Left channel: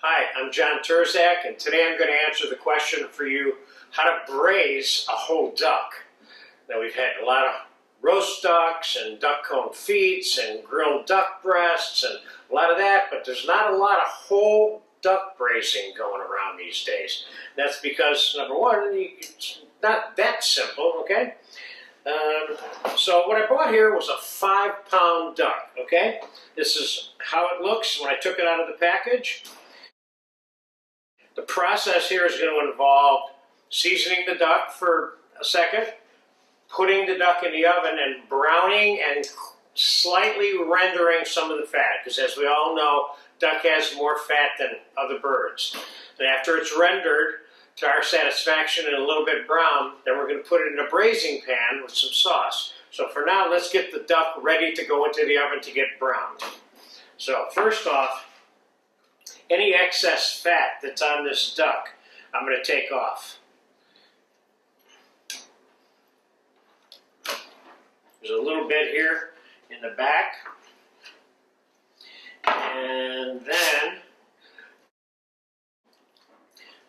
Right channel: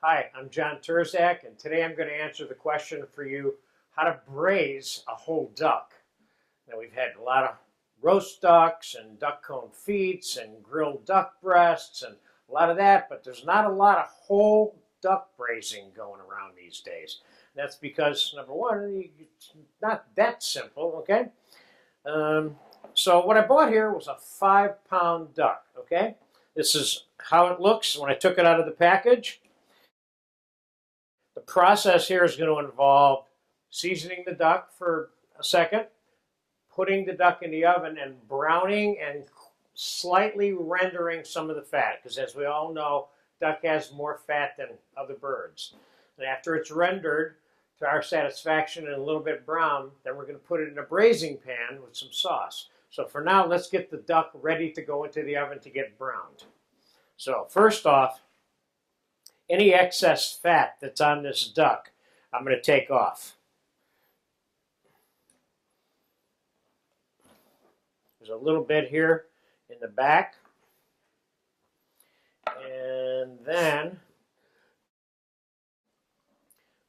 Hi, I'm John Turzak, and today I'm going to answer the question for you, how to braise a whole duck. Now, we've had a lot of roast ducks and duck confits and grilled duck breasts and a lot of that, but there's not a lot of whole duck braising going around these days. That's because, number one, it's not that simple, okay? So what I bought here was a 5-pound duck, okay? This is how it looks when I took it out of the package. The process here is going to involve seasoning the duck for a second, putting the duck in the oven and browning and slightly rendering some of the fat, because as we all know, duck has more fat than other birds. And after it's rendered to our satisfaction and a little bit brown, then we're going to put it in a braising pan with some sauce. So for now, let's get the duck ready to go into the oven to get browned. So first off, any excess fat that's on this duck, I'm going to take off. There's a little bit here in the back. And then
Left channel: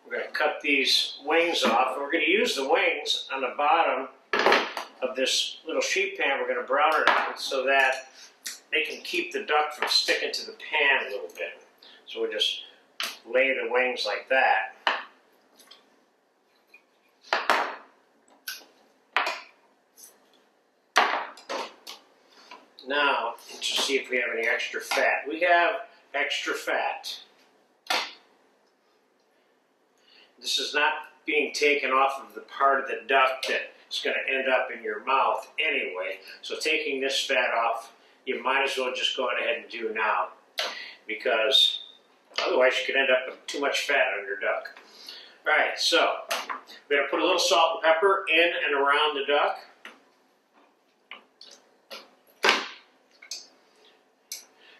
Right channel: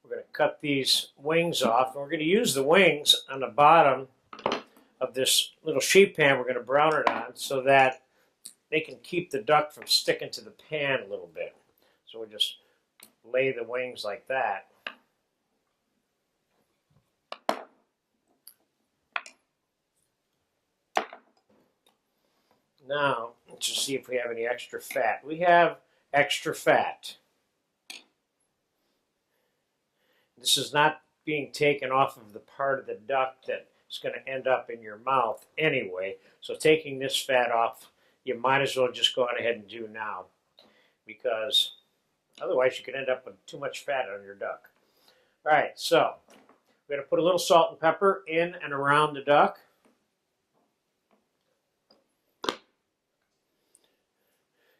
we're going to cut these wings off. And we're going to use the wings on the bottom of this little sheet pan we're going to brown it on so that they can keep the duck from sticking to the pan a little bit. So we'll just lay the wings like that. Now, let's just see if we have any extra fat. We have extra fat. This is not being taken off of the part of the duck that's going to end up in your mouth anyway. So taking this fat off, you might as well just go on ahead and do now, because otherwise you could end up with too much fat on your duck. All right, so we're going to put a little salt and pepper in and around the duck.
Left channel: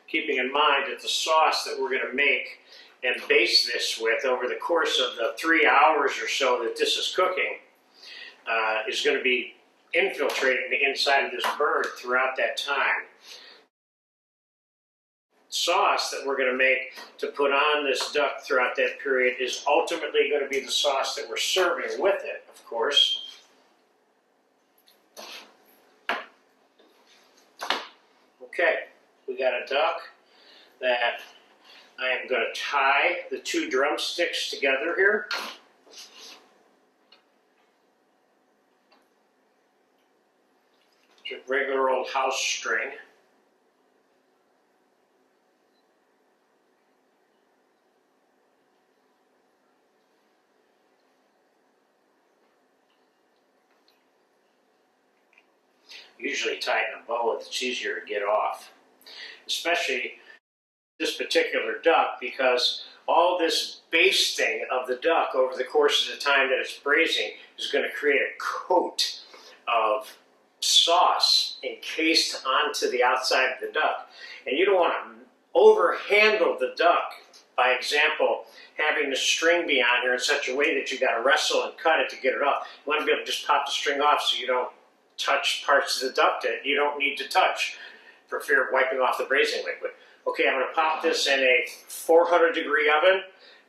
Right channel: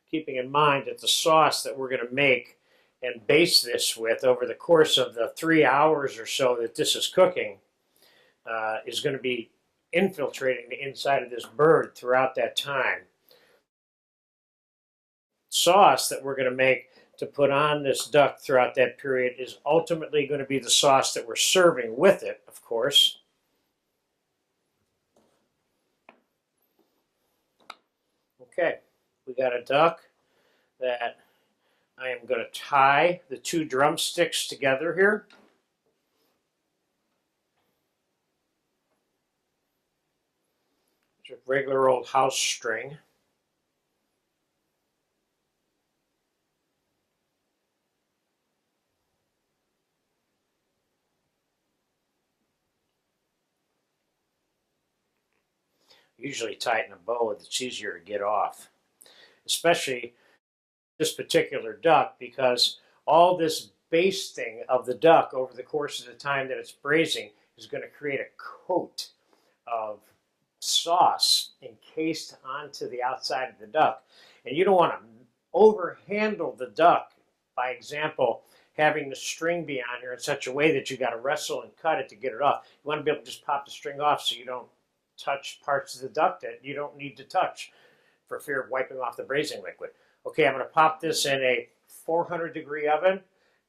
Keeping in mind that the sauce that we're going to make and baste this with over the course of the 3 hours or so that this is cooking is going to be infiltrating the inside of this bird throughout that time. Sauce that we're going to make to put on this duck throughout that period is ultimately going to be the sauce that we're serving with it, of course. Okay, we got a duck that I am going to tie the 2 drumsticks together here. Just regular old house string. Usually tie it in a bow, it's easier to get off. Especially this particular duck, because all this basting of the duck over the course of the time that it's braising is going to create a coat of sauce encased onto the outside of the duck. And you don't want to overhandle the duck, by example, having the string be on here in such a way that you got to wrestle and cut it to get it off. You want to be able to just pop the string off so you don't touch parts of the duck that you don't need to touch for fear of wiping off the braising liquid. Okay, I'm going to pop this in a 400-degree oven,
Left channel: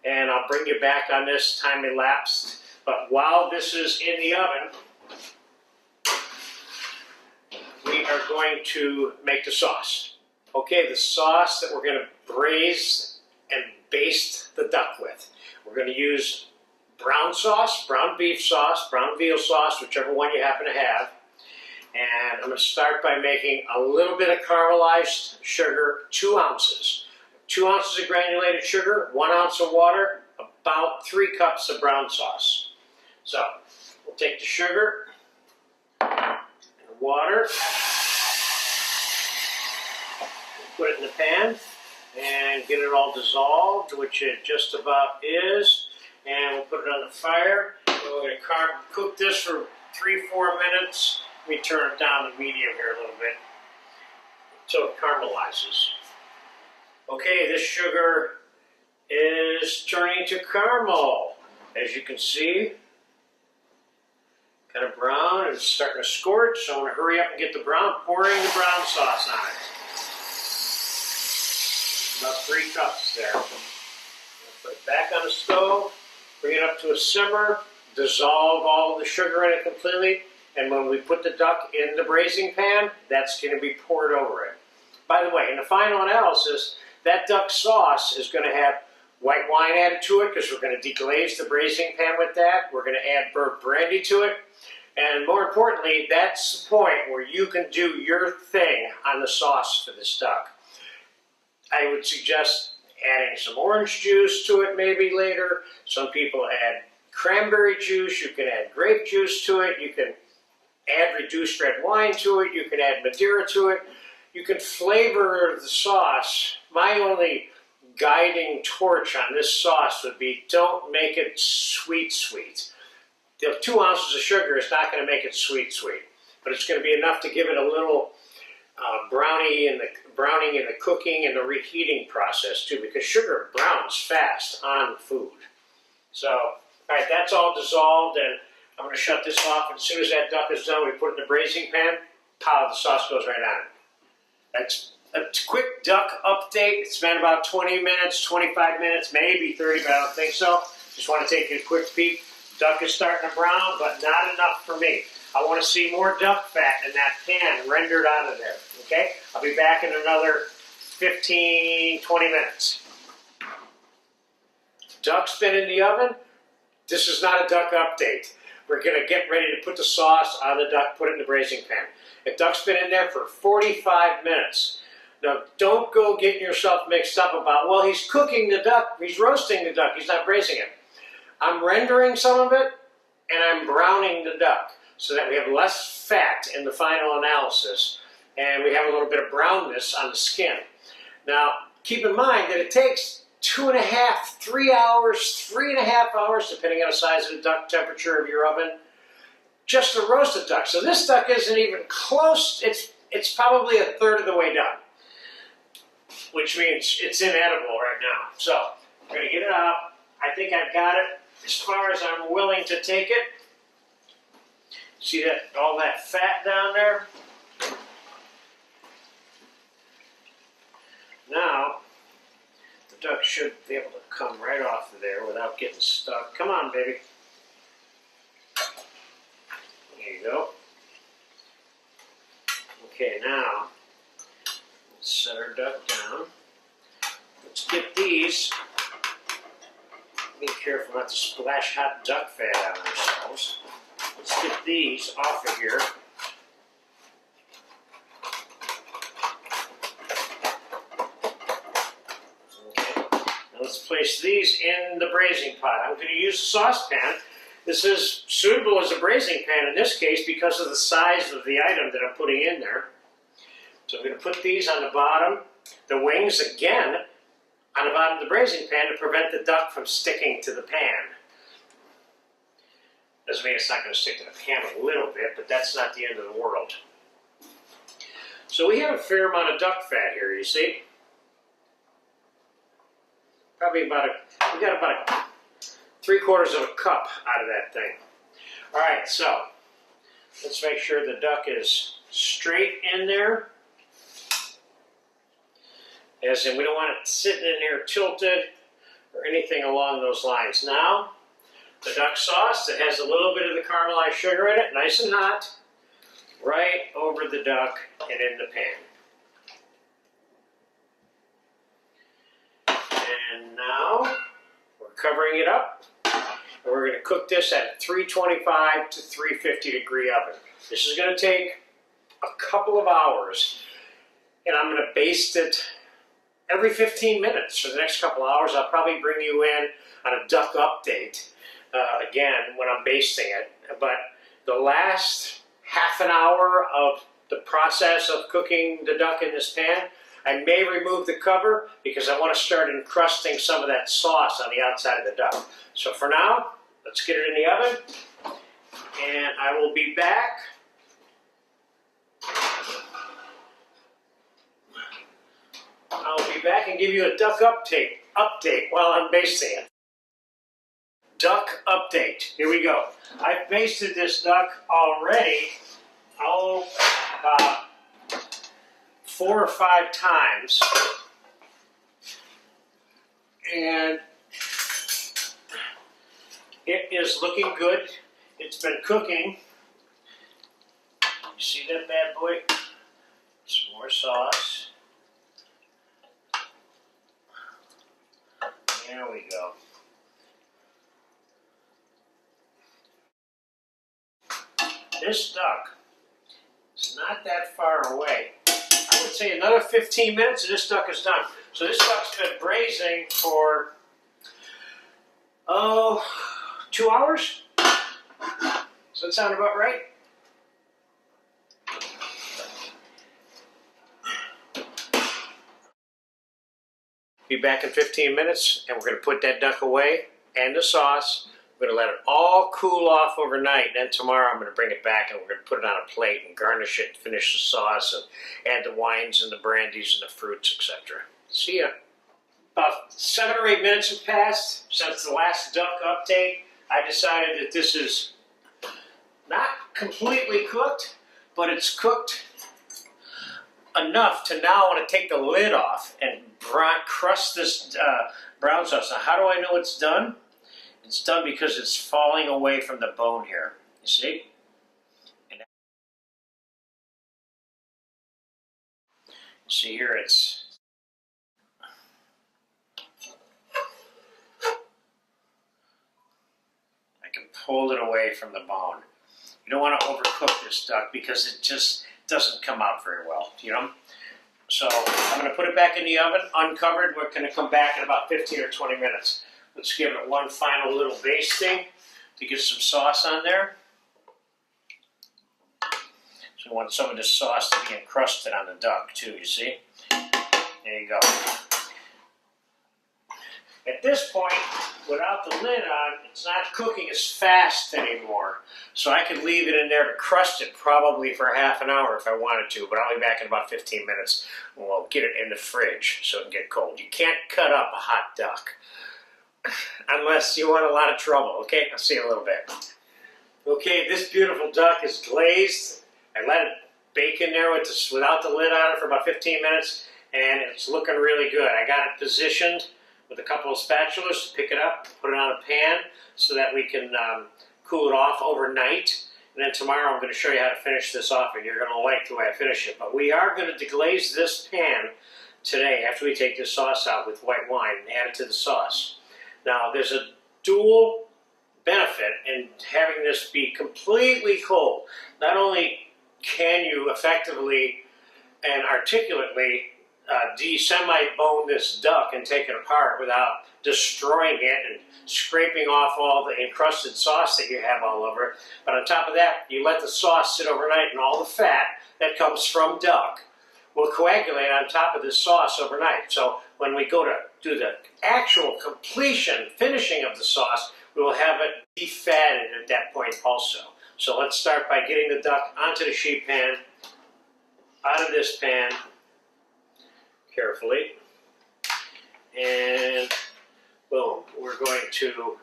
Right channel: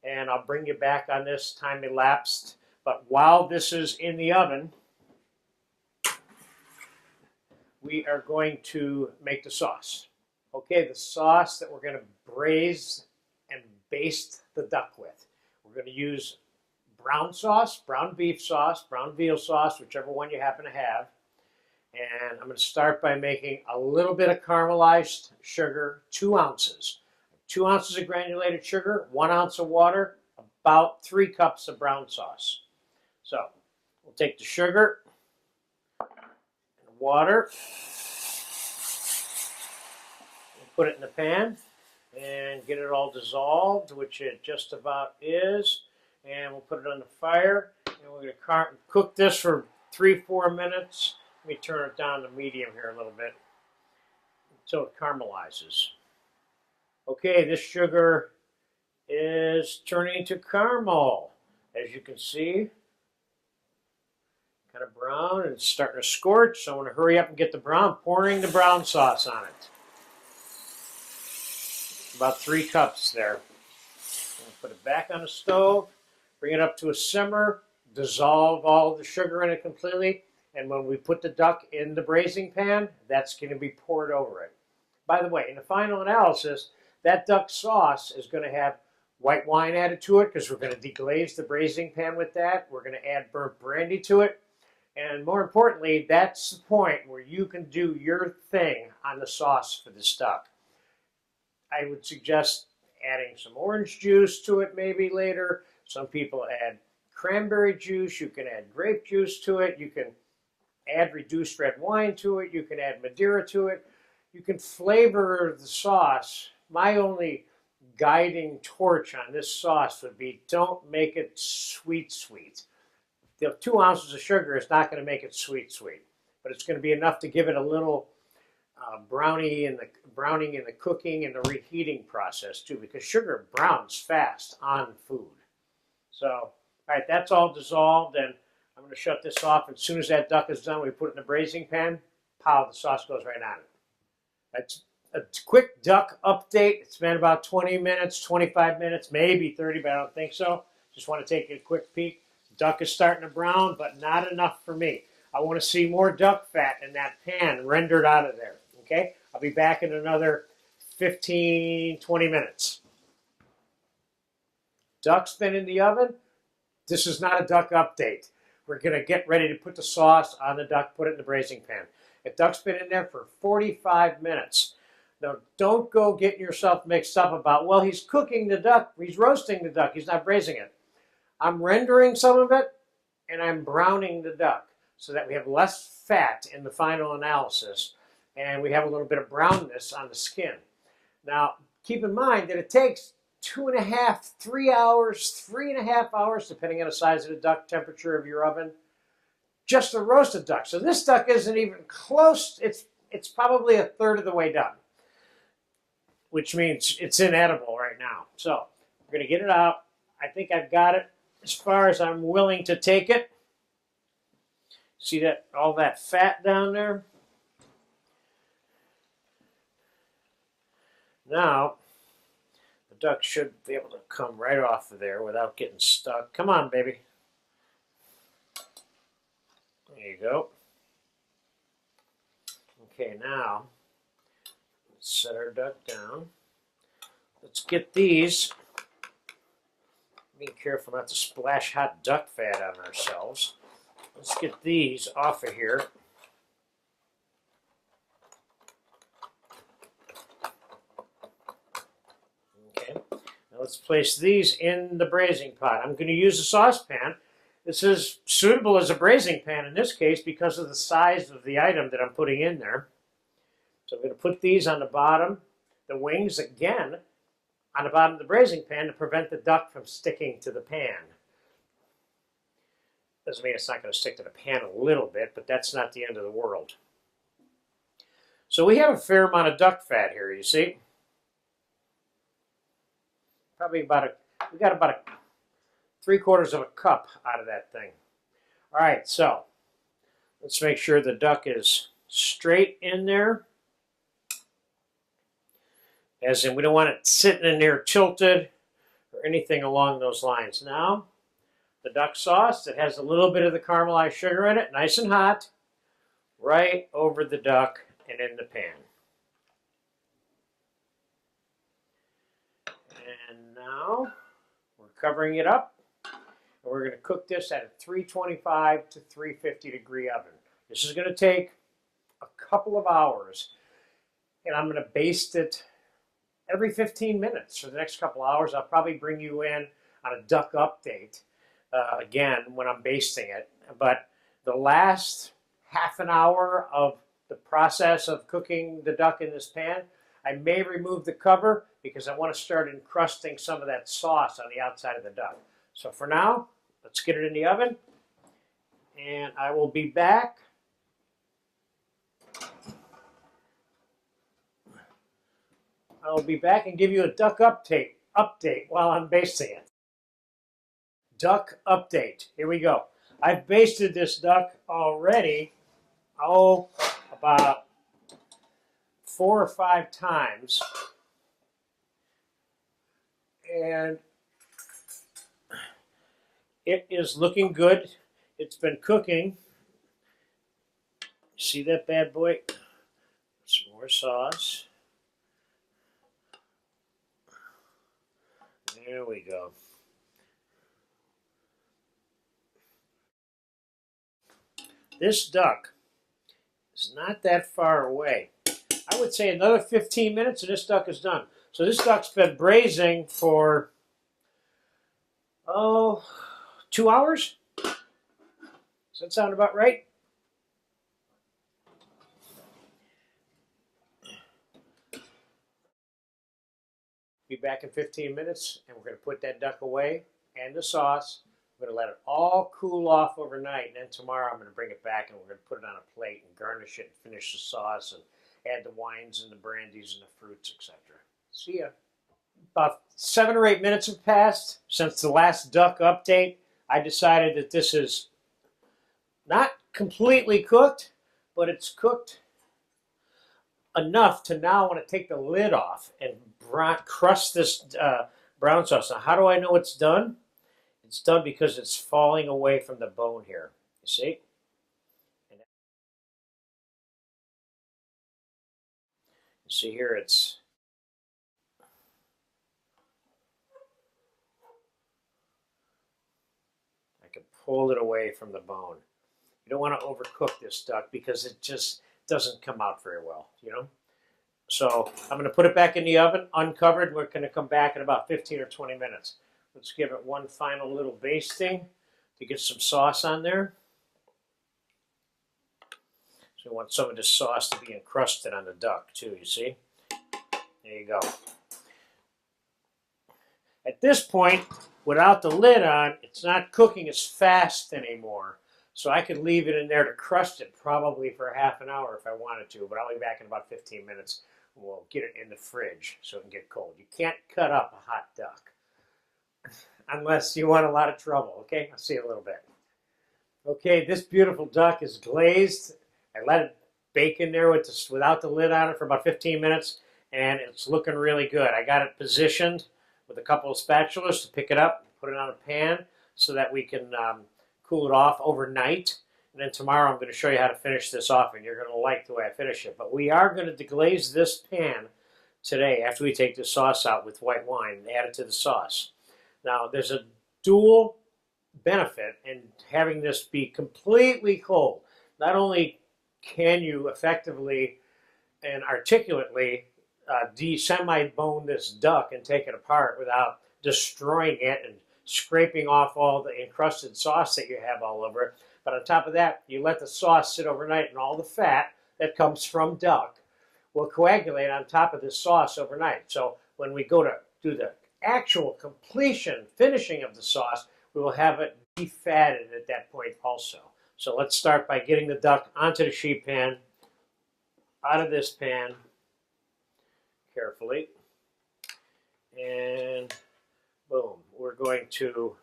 and I'll bring you back on this time elapsed. But while this is in the oven, we are going to make the sauce. Okay, the sauce that we're going to braise and baste the duck with. We're going to use brown sauce, brown beef sauce, brown veal sauce, whichever one you happen to have. And I'm going to start by making a little bit of caramelized sugar, 2 ounces. 2 ounces of granulated sugar, 1 ounce of water, about 3 cups of brown sauce. So we'll take the sugar and the water, put it in the pan, and get it all dissolved, which it just about is. And we'll put it on the fire. And we're going to cook this for 3-4 minutes. Let me turn it down to medium here a little bit until it caramelizes. Okay, this sugar is turning to caramel, as you can see. Kind of brown, and it's starting to scorch, so I want to hurry up and get the brown, pouring the brown sauce on it. About 3 cups there. Put it back on the stove, bring it up to a simmer, dissolve all of the sugar in it completely, and when we put the duck in the braising pan, that's going to be poured over it. By the way, in the final analysis, that duck sauce is going to have white wine added to it because we're going to deglaze the braising pan with that. We're going to add burnt brandy to it. And more importantly, that's the point where you can do your thing on the sauce for this duck. I would suggest adding some orange juice to it maybe later. Some people add cranberry juice. You can add grape juice to it. You can add reduced red wine to it. You can add Madeira to it. You can flavor the sauce. My only guiding torch on this sauce would be don't make it sweet. The 2 ounces of sugar is not going to make it sweet, but it's going to be enough to give it a little browning in the cooking and the reheating process too, because sugar browns fast on food. So, all right, that's all dissolved, and I'm going to shut this off. As soon as that duck is done, we put it in the braising pan. Pow, the sauce goes right on it. That's a quick duck update. It's been about 20 minutes, 25 minutes, maybe 30, but I don't think so. Just want to take a quick peek. Duck is starting to brown, but not enough for me. I want to see more duck fat in that pan rendered out of there, okay? I'll be back in another 15, 20 minutes. Duck's been in the oven. This is not a duck update. We're going to get ready to put the sauce on the duck, put it in the braising pan. The duck's been in there for 45 minutes. Now, don't go getting yourself mixed up about, well, he's cooking the duck, he's roasting the duck, he's not braising it. I'm rendering some of it, and I'm browning the duck so that we have less fat in the final analysis, and we have a little bit of brownness on the skin. Now, keep in mind that it takes 2.5, 3 hours, 3.5 hours, depending on the size of the duck, temperature of your oven, just to roast a duck. So this duck isn't even close. It's probably a third of the way done, which means it's inedible right now. So I'm going to get it out. I think I've got it as far as I'm willing to take it. See that, all that fat down there? Now, the duck should be able to come right off of there without getting stuck. Come on, baby. There you go. Okay, now, let's set our duck down. Let's get these. Be careful not to splash hot duck fat on ourselves. Let's get these off of here. Okay, now let's place these in the braising pot. I'm going to use a saucepan. This is suitable as a braising pan in this case because of the size of the item that I'm putting in there. So I'm going to put these on the bottom. The wings, again, on the bottom of the braising pan to prevent the duck from sticking to the pan. Doesn't mean it's not going to stick to the pan a little bit, but that's not the end of the world. So we have a fair amount of duck fat here, you see. Probably we got about 3/4 of a cup out of that thing. All right, so let's make sure the duck is straight in there. As in, we don't want it sitting in there tilted or anything along those lines. Now, the duck sauce that has a little bit of the caramelized sugar in it, nice and hot, right over the duck and in the pan. And now, we're covering it up, and we're going to cook this at a 325 to 350 degree oven. This is going to take a couple of hours, and I'm going to baste it every 15 minutes for the next couple hours. I'll probably bring you in on a duck update again when I'm basting it. But the last half an hour of the process of cooking the duck in this pan, I may remove the cover because I want to start encrusting some of that sauce on the outside of the duck. So for now, let's get it in the oven, and I will be back. I'll be back and give you a duck update while I'm basting it. Duck update. Here we go. I've basted this duck already, about 4 or 5 times. And It is looking good. It's been cooking. See that bad boy? Some more sauce. There we go. This duck is not that far away. I would say another 15 minutes and this duck is done. So this duck's been braising for, 2 hours? Does that sound about right? Be back in 15 minutes and we're going to put that duck away and the sauce. We're going to let it all cool off overnight, and then tomorrow I'm going to bring it back and we're going to put it on a plate and garnish it and finish the sauce and add the wines and the brandies and the fruits, etc. See ya. About 7 or 8 minutes have passed since the last duck update. I decided that this is not completely cooked, but it's cooked enough to now want to take the lid off and crust this brown sauce. Now, how do I know it's done? It's done because it's falling away from the bone here. You see? And you see here it's I can pull it away from the bone. You don't want to overcook this duck because it just doesn't come out very well, you know? So I'm going to put it back in the oven, uncovered. We're going to come back in about 15 or 20 minutes. Let's give it one final little basting to get some sauce on there. So we want some of this sauce to be encrusted on the duck too, you see? There you go. At this point, without the lid on, it's not cooking as fast anymore. So I could leave it in there to crust it probably for half an hour if I wanted to, but I'll be back in about 15 minutes and we'll get it in the fridge so it can get cold. You can't cut up a hot duck unless you want a lot of trouble, okay? I'll see you in a little bit. Okay, this beautiful duck is glazed. I let it bake in there without the lid on it for about 15 minutes, and it's looking really good. I got it positioned with a couple of spatulas to pick it up, put it on a pan so that we can cool it off overnight. And then tomorrow I'm going to show you how to finish this off, and you're going to like the way I finish it. But we are going to deglaze this pan today after we take this sauce out with white wine and add it to the sauce. Now, there's a dual benefit in having this be completely cold. Not only can you effectively and articulately semi-bone this duck and take it apart without destroying it and scraping off all the encrusted sauce that you have all over, but on top of that, you let the sauce sit overnight and all the fat that comes from duck will coagulate on top of this sauce overnight. So when we go to do the actual finishing of the sauce, we will have it defatted at that point also. So let's start by getting the duck onto the sheet pan, out of this pan, carefully, and boom, we're going to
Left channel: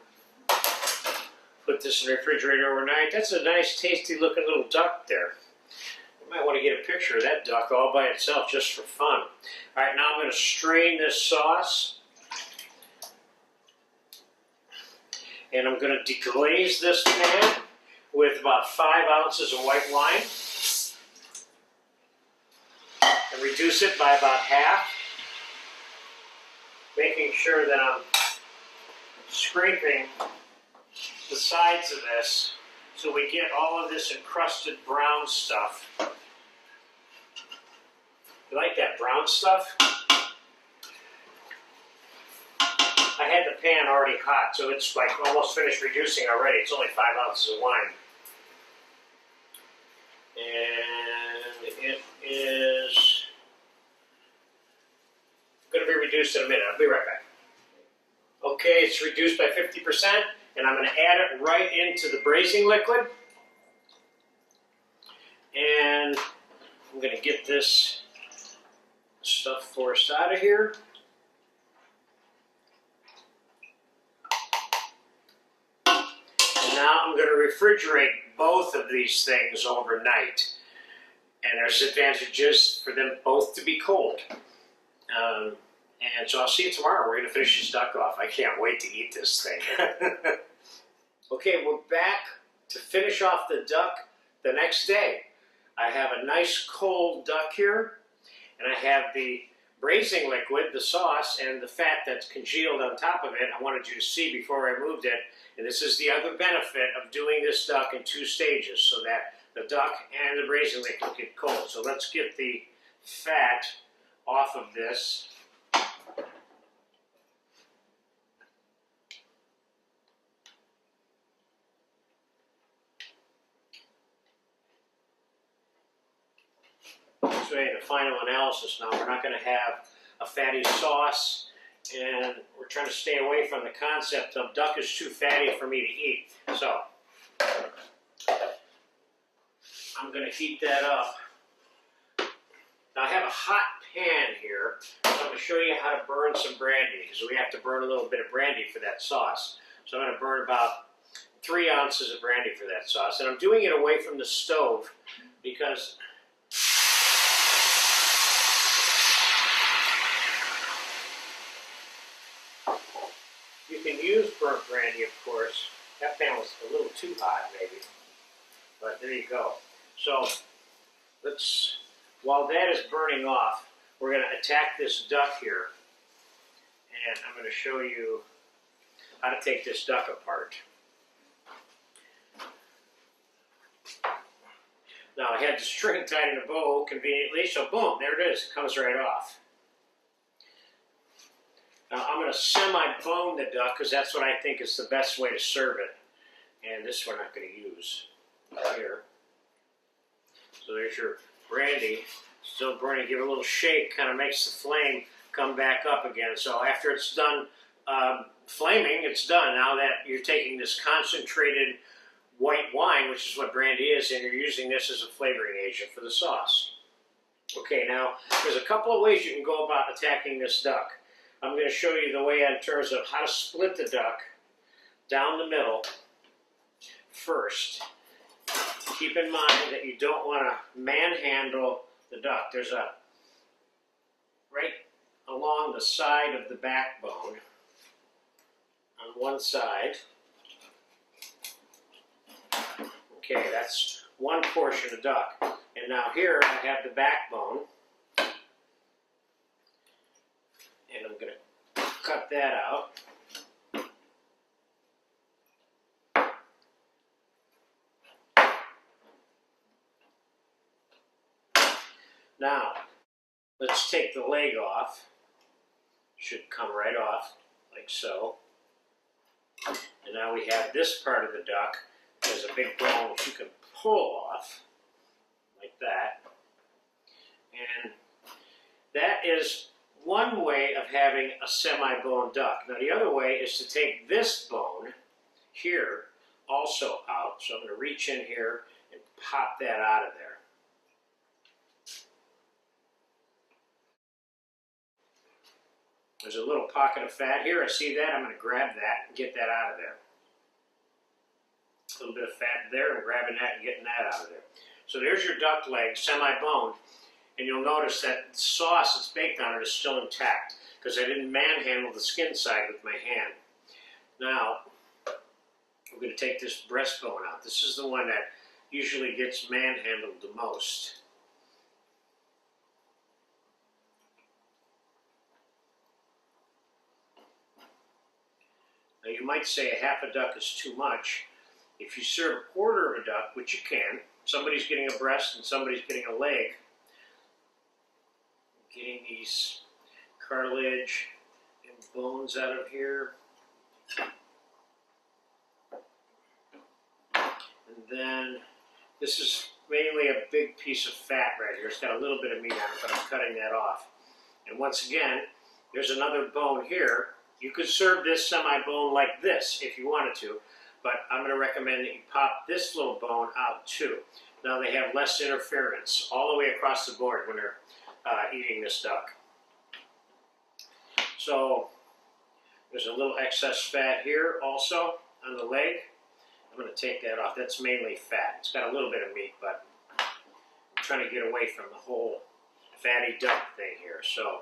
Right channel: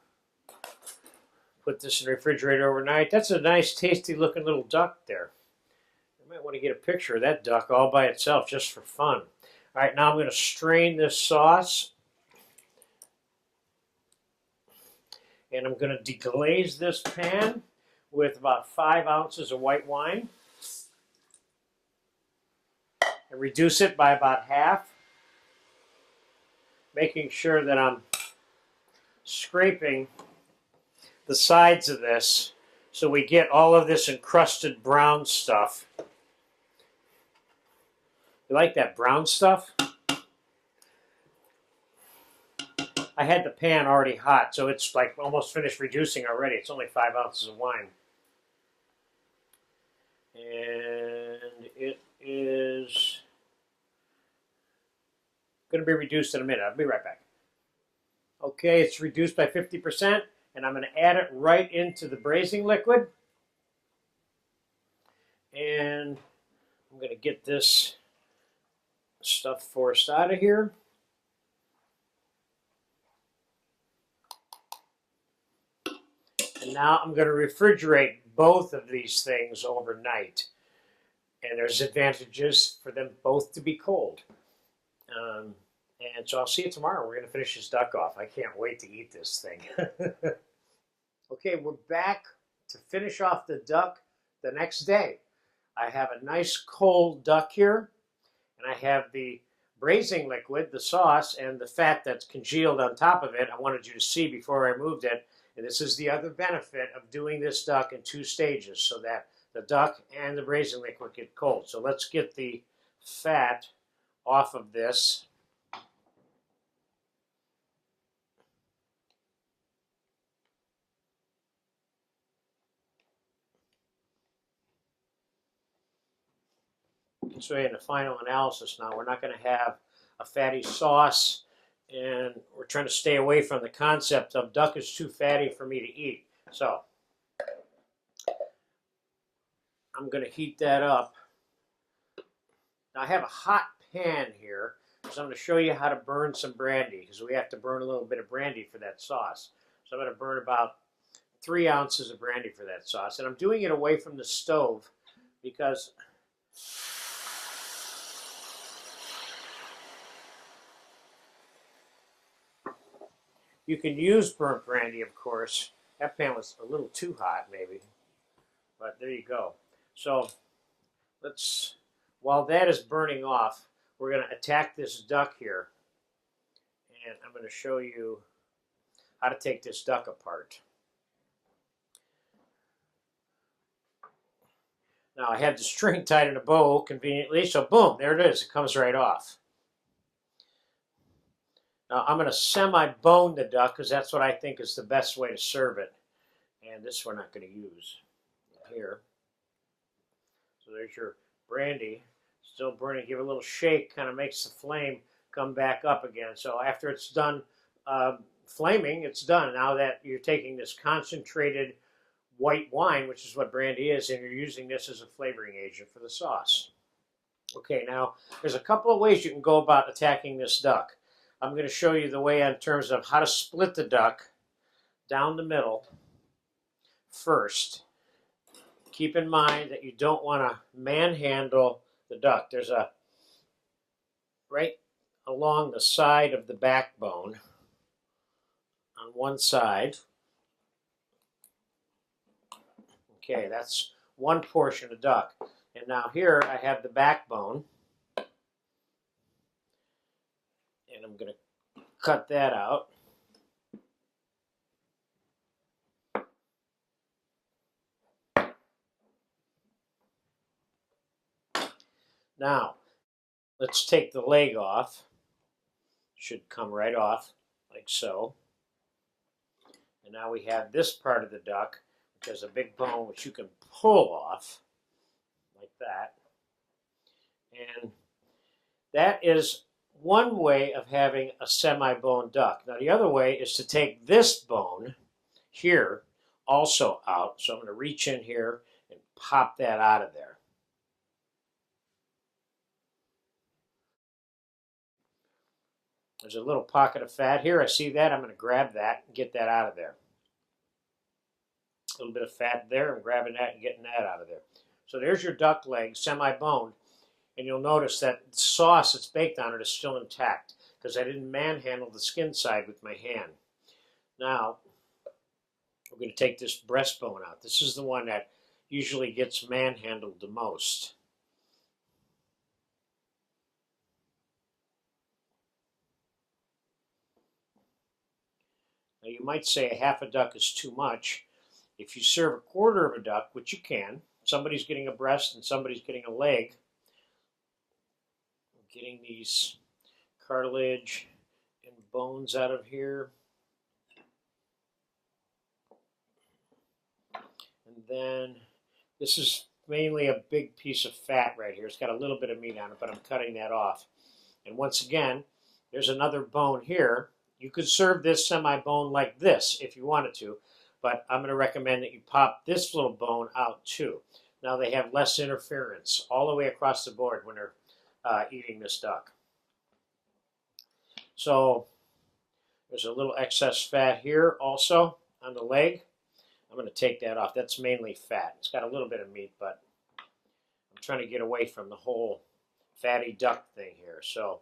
put this in the refrigerator overnight. That's a nice, tasty looking little duck there. You might want to get a picture of that duck all by itself just for fun. All right, now I'm going to strain this sauce. And I'm going to deglaze this pan with about 5 ounces of white wine. And reduce it by about half. Making sure that I'm scraping the sides of this so we get all of this encrusted brown stuff. You like that brown stuff? I had the pan already hot, so it's like almost finished reducing already. It's only 5 ounces of wine. And it is going to be reduced in a minute. I'll be right back. Okay, it's reduced by 50%, and I'm going to add it right into the braising liquid. And I'm going to get this stuff forced out of here. And now I'm going to refrigerate both of these things overnight. And there's advantages for them both to be cold. And so I'll see you tomorrow. We're going to finish this duck off. I can't wait to eat this thing. Okay, we're back to finish off the duck the next day. I have a nice cold duck here, and I have the braising liquid, the sauce, and the fat that's congealed on top of it. I wanted you to see before I moved it. And this is the other benefit of doing this duck in 2 stages, so that the duck and the braising liquid get cold. So let's get the fat off of this. This way in the final analysis now, we're not going to have a fatty sauce, and we're trying to stay away from the concept of duck is too fatty for me to eat. So I'm going to heat that up. Now I have a hot pan here, so I'm going to show you how to burn some brandy, because we have to burn a little bit of brandy for that sauce. So I'm going to burn about 3 ounces of brandy for that sauce, and I'm doing it away from the stove because you can use burnt brandy, of course. That pan was a little too hot, maybe, but there you go. So while that is burning off, we're going to attack this duck here, and I'm going to show you how to take this duck apart. Now I had the string tied in a bow conveniently, so boom, there it is. It comes right off. Now I'm going to semi-bone the duck because that's what I think is the best way to serve it. And this we're not going to use here. So there's your brandy. Still burning. Give it a little shake, kind of makes the flame come back up again. So after it's done flaming, it's done. Now that you're taking this concentrated white wine, which is what brandy is, and you're using this as a flavoring agent for the sauce. Okay, now there's a couple of ways you can go about attacking this duck. I'm going to show you the way in terms of how to split the duck down the middle first. Keep in mind that you don't want to manhandle the duck. There's a, right along the side of the backbone on one side. Okay, that's one portion of duck. And now here I have the backbone. And I'm going to cut that out. Now, let's take the leg off. Should come right off, like so. And now we have this part of the duck. There's a big bone which you can pull off, like that. And that is one way of having a semi-bone duck. Now the other way is to take this bone here also out. So I'm going to reach in here and pop that out of there. There's a little pocket of fat here. I see that. I'm going to grab that and get that out of there. A little bit of fat there, and grabbing that and getting that out of there. So there's your duck leg, semi-boned, and you'll notice that the sauce that's baked on it is still intact because I didn't manhandle the skin side with my hand. Now, we're going to take this breastbone out. This is the one that usually gets manhandled the most. Now you might say a half a duck is too much. If you serve a quarter of a duck, which you can, somebody's getting a breast and somebody's getting a leg, getting these cartilage and bones out of here. And then this is mainly a big piece of fat right here. It's got a little bit of meat on it, but I'm cutting that off. And once again, there's another bone here. You could serve this semi-bone like this if you wanted to, but I'm going to recommend that you pop this little bone out too. Now they have less interference all the way across the board when they're eating this duck. So there's a little excess fat here also on the leg. I'm going to take that off. That's mainly fat. It's got a little bit of meat, but I'm trying to get away from the whole fatty duck thing here. So,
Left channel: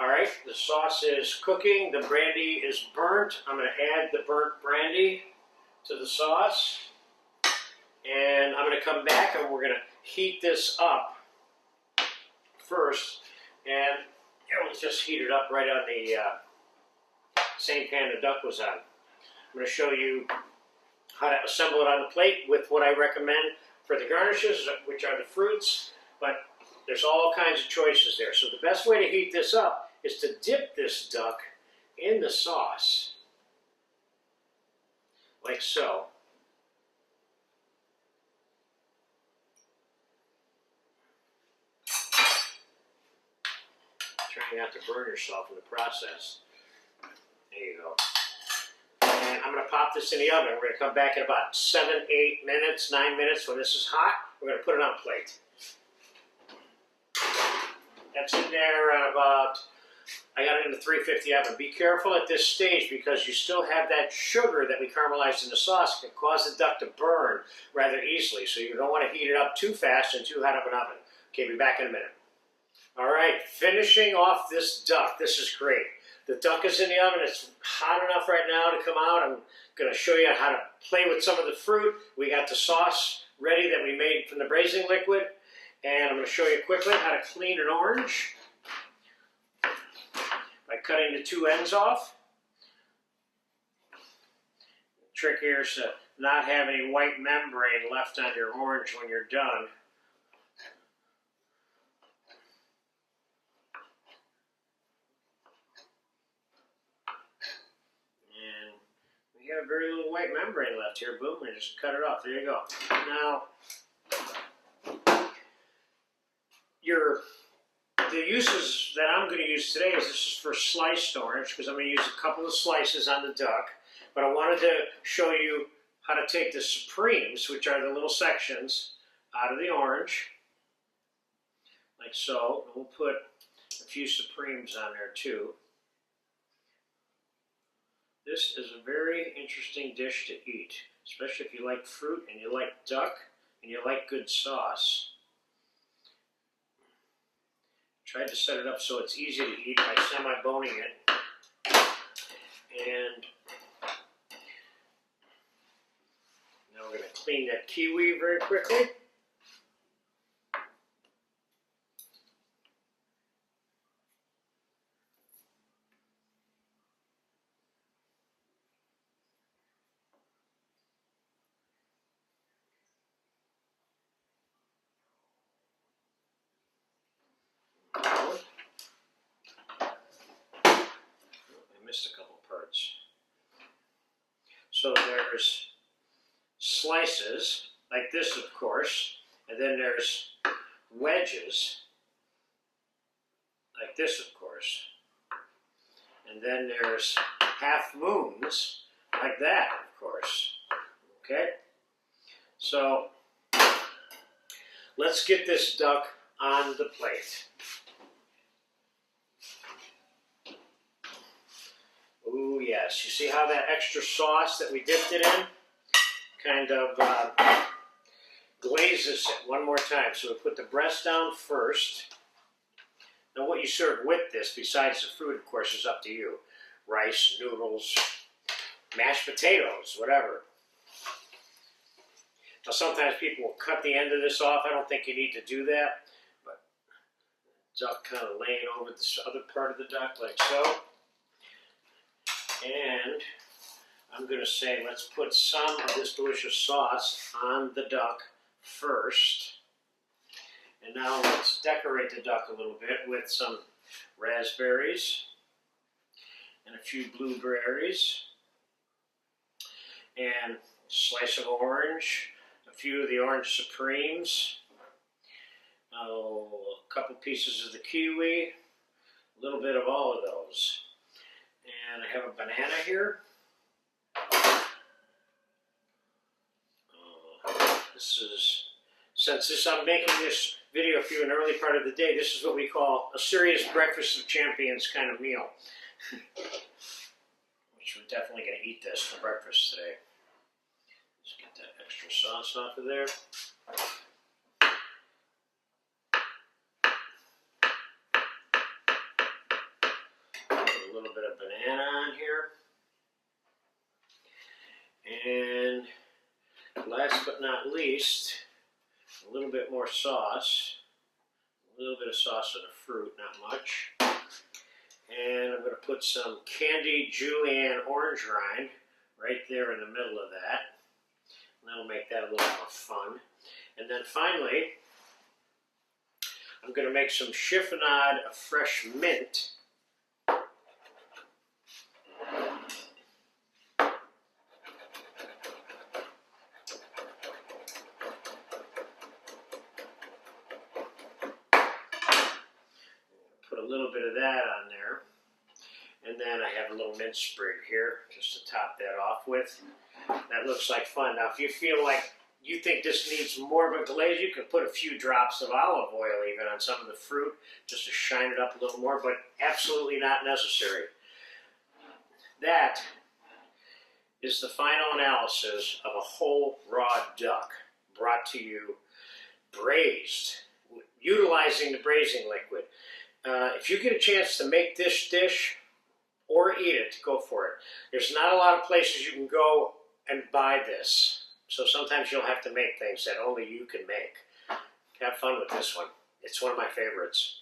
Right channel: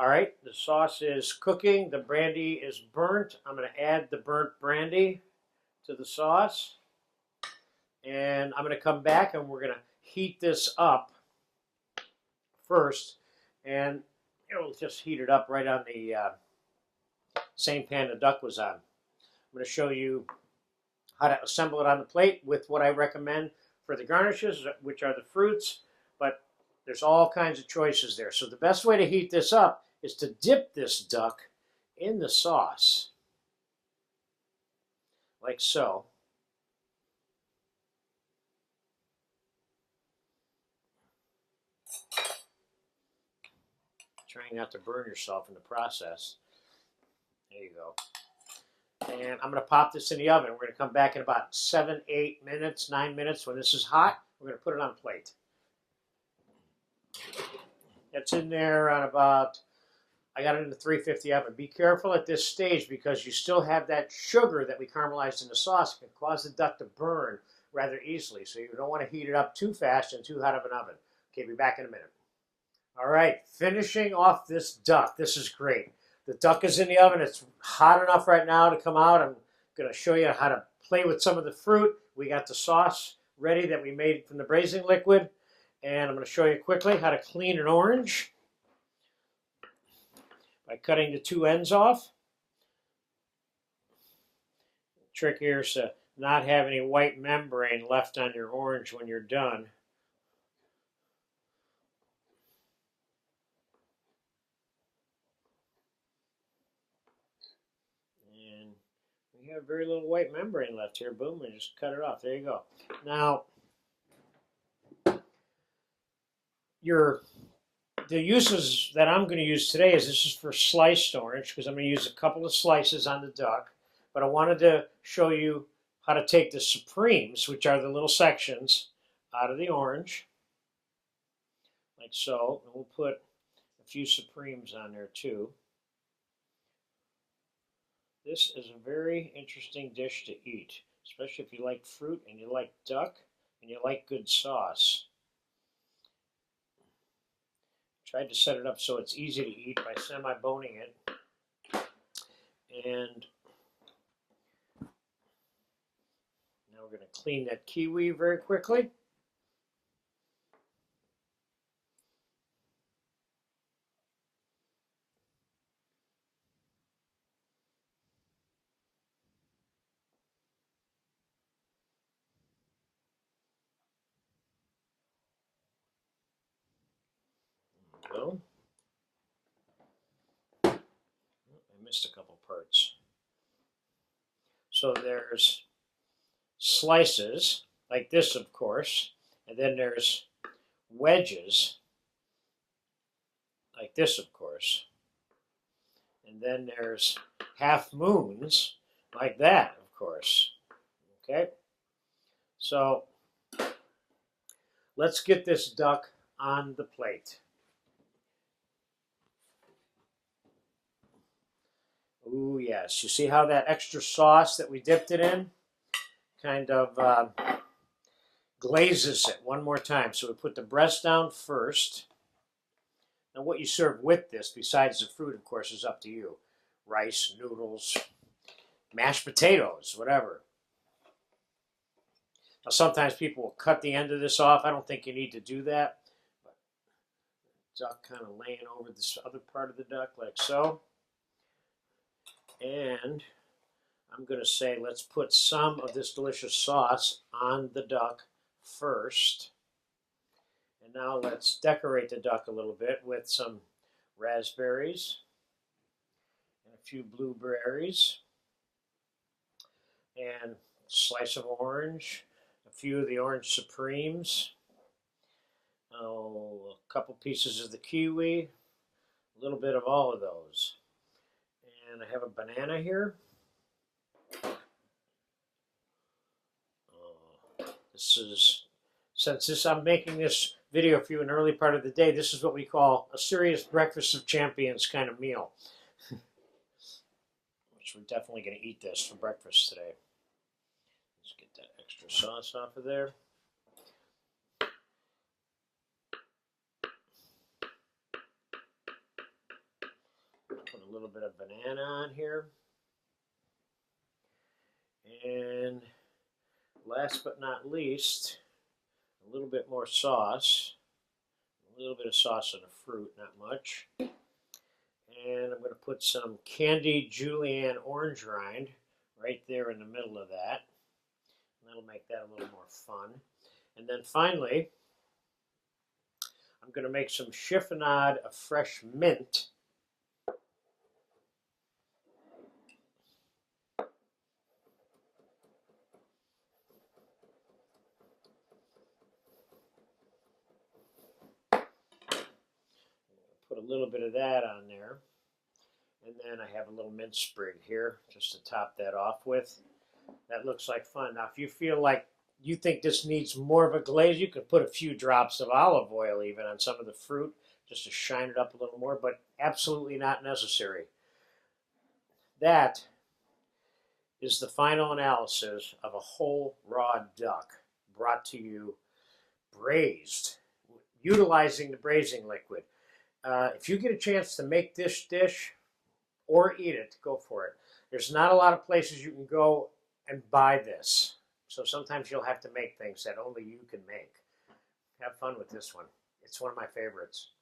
all right, the sauce is cooking. The brandy is burnt. I'm going to add the burnt brandy to the sauce. And I'm going to come back and we're going to heat this up first. And we'll just heat it up right on the same pan the duck was on. I'm going to show you how to assemble it on the plate with what I recommend for the garnishes, which are the fruits, but there's all kinds of choices there. So the best way to heat this up is to dip this duck in the sauce, like so. Trying not to burn yourself in the process. There you go. And I'm going to pop this in the oven. We're going to come back in about 7, 8 minutes, 9 minutes. When this is hot, we're going to put it on a plate. That's in there at about, I got it in the 350 oven. Be careful at this stage because you still have that sugar that we caramelized in the sauce. It can cause the duck to burn rather easily. So you don't want to heat it up too fast and too hot of an oven. Okay, be back in a minute. All right, finishing off this duck. This is great. The duck is in the oven. It's hot enough right now to come out. I'm going to show you how to play with some of the fruit. We got the sauce ready that we made from the braising liquid. And I'm going to show you quickly how to clean an orange by cutting the two ends off. The trick here is to not have any white membrane left on your orange when you're done. You have very little white membrane left here. Boom, and just cut it off. There you go. Now, the uses that I'm going to use today is this is for sliced orange because I'm going to use a couple of slices on the duck. But I wanted to show you how to take the supremes, which are the little sections, out of the orange, like so. And we'll put a few supremes on there too. This is a very interesting dish to eat, especially if you like fruit and you like duck and you like good sauce. Tried to set it up so it's easy to eat by semi-boning it. And now we're going to clean that kiwi very quickly. I missed a couple parts. So there's slices, like this of course, and then there's wedges, like this of course, and then there's half moons, like that of course. Okay? So let's get this duck on the plate. Ooh, yes. You see how that extra sauce that we dipped it in kind of glazes it one more time. So we put the breast down first. Now what you serve with this, besides the fruit, of course, is up to you. Rice, noodles, mashed potatoes, whatever. Now sometimes people will cut the end of this off. I don't think you need to do that. But duck kind of laying over this other part of the duck like so. And I'm going to say let's put some of this delicious sauce on the duck first. And now let's decorate the duck a little bit with some raspberries and a few blueberries and a slice of orange, a few of the orange supremes, a couple pieces of the kiwi, a little bit of all of those. And I have a banana here. Since I'm making this video for you in the early part of the day, this is what we call a serious breakfast of champions kind of meal. Which we're definitely going to eat this for breakfast today. Let's get that extra sauce off of there. Put a little bit of banana on here. And last but not least, a little bit more sauce. A little bit of sauce of the fruit, not much. And I'm going to put some candied julienne orange rind right there in the middle of that. That'll make that a little more fun. And then finally, I'm going to make some chiffonade of fresh mint. Put a little bit of that on there. And then I have a little mint sprig here just to top that off with. That looks like fun. Now, if you feel like you think this needs more of a glaze, you can put a few drops of olive oil even on some of the fruit just to shine it up a little more, but absolutely not necessary. That is the final analysis of a whole raw duck brought to you braised, utilizing the braising liquid. If you get a chance to make this dish or eat it, go for it. There's not a lot of places you can go and buy this. So sometimes you'll have to make things that only you can make. Have fun with this one. It's one of my favorites.